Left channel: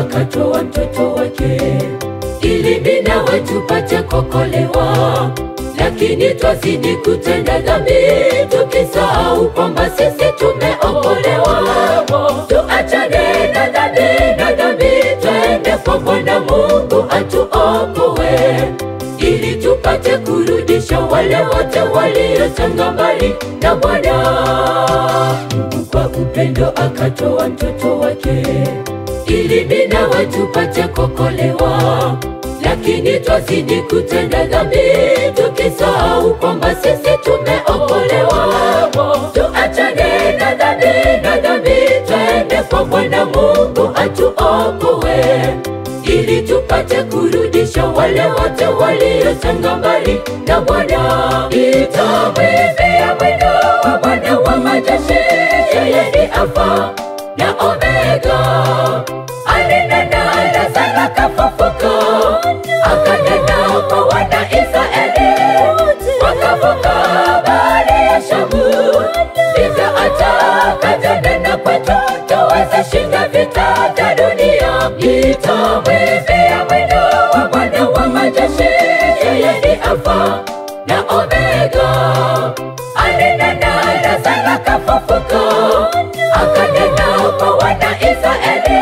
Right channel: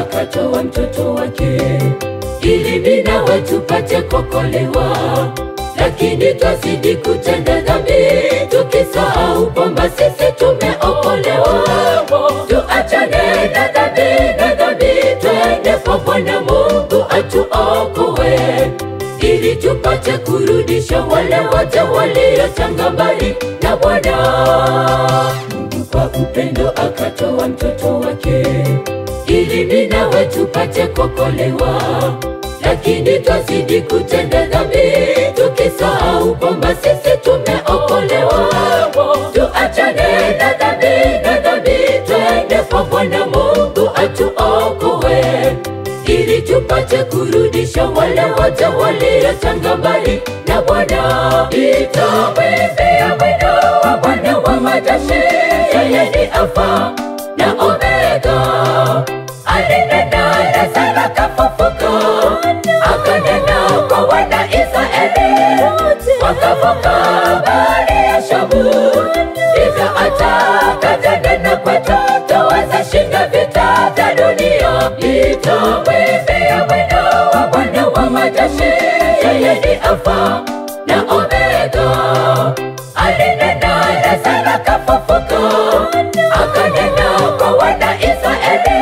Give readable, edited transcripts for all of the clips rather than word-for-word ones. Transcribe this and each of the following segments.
akatoa mtoto wake ili mimi nawe tupate kuokolewa. Lakini twazidi kutenda dhambi tukisahau kwamba sisi tumeokolewa. Tuachane na dhambi, twende kwa Bwana Mungu atuokoe, ili tupate kurudisha wale wote waliochanga mbali na Bwana. Mungu kwa upendo akatoa mtoto wake ili mimi nawe tupate kuokolewa. Lakini twazidi kutenda dhambi tukisahau kwamba sisi tumeokolewa. Tuachane na dhambi, twende kwa Bwana Mungu atuokoe, ili tupate kurudisha wale wote waliochanga mbali na Bwana. Nitawimbia wino wa Bwana wa majeshi, yeye ni Alfa na Omega. Alinena Lazaro akafufuka, akanena kwa wana Israeli, wakavuka bahari ya Shamu. Hivyo atakatanena kwetu, tuwezeshinda vita vya dunia. Nitawimbia wino wa Bwana wa majeshi, yeye ni Alfa na Omega. Alinena Lazaro akafufuka, akanena kwa wana Israeli,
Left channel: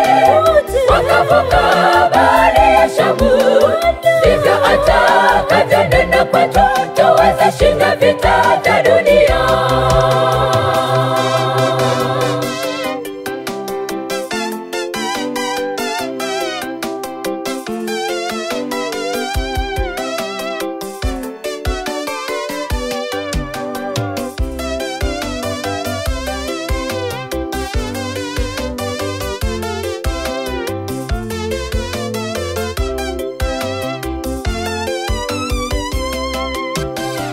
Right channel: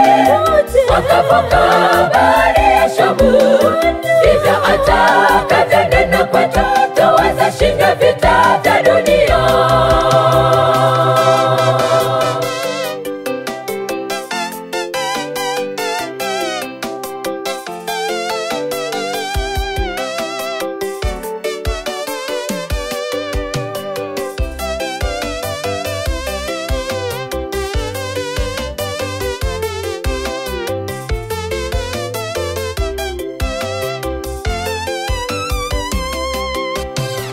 wakavuka bahari ya Shamu. Hivyo atakatanena kwetu, tuwezeshinda vita vya dunia.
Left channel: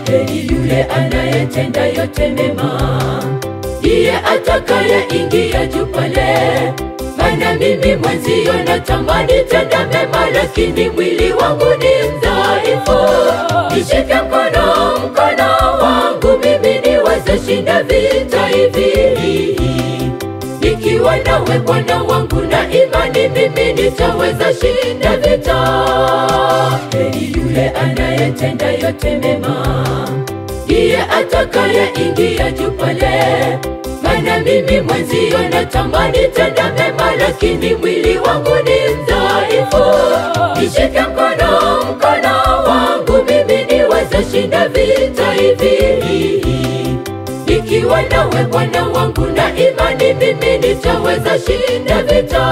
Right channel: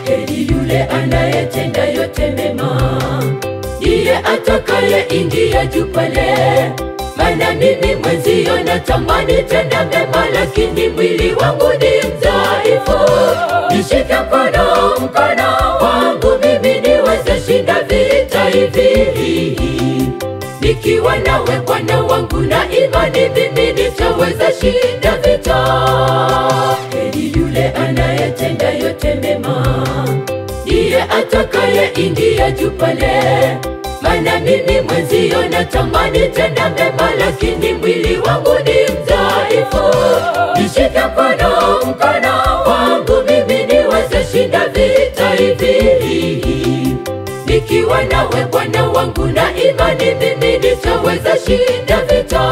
Heri yule anayetenda yote mema, ndiye atakayeingia juu pale. Maana mimi mwenzio natamani tenda mema, lakini mwili wangu ni mdhaifu. Nishike mkono wangu mimi niweze shinda vita hivi. Nikiwa nawe Bwana wangu na imani, mimi nitaweza shinda vita. Heri yule anayetenda yote mema, ndiye atakayeingia juu pale. Maana mimi mwenzio natamani tenda mema, lakini mwili wangu ni mdhaifu. Nishike mkono wangu mimi niweze shinda vita hivi. Nikiwa nawe Bwana wangu na imani, mimi nitaweza shinda vita.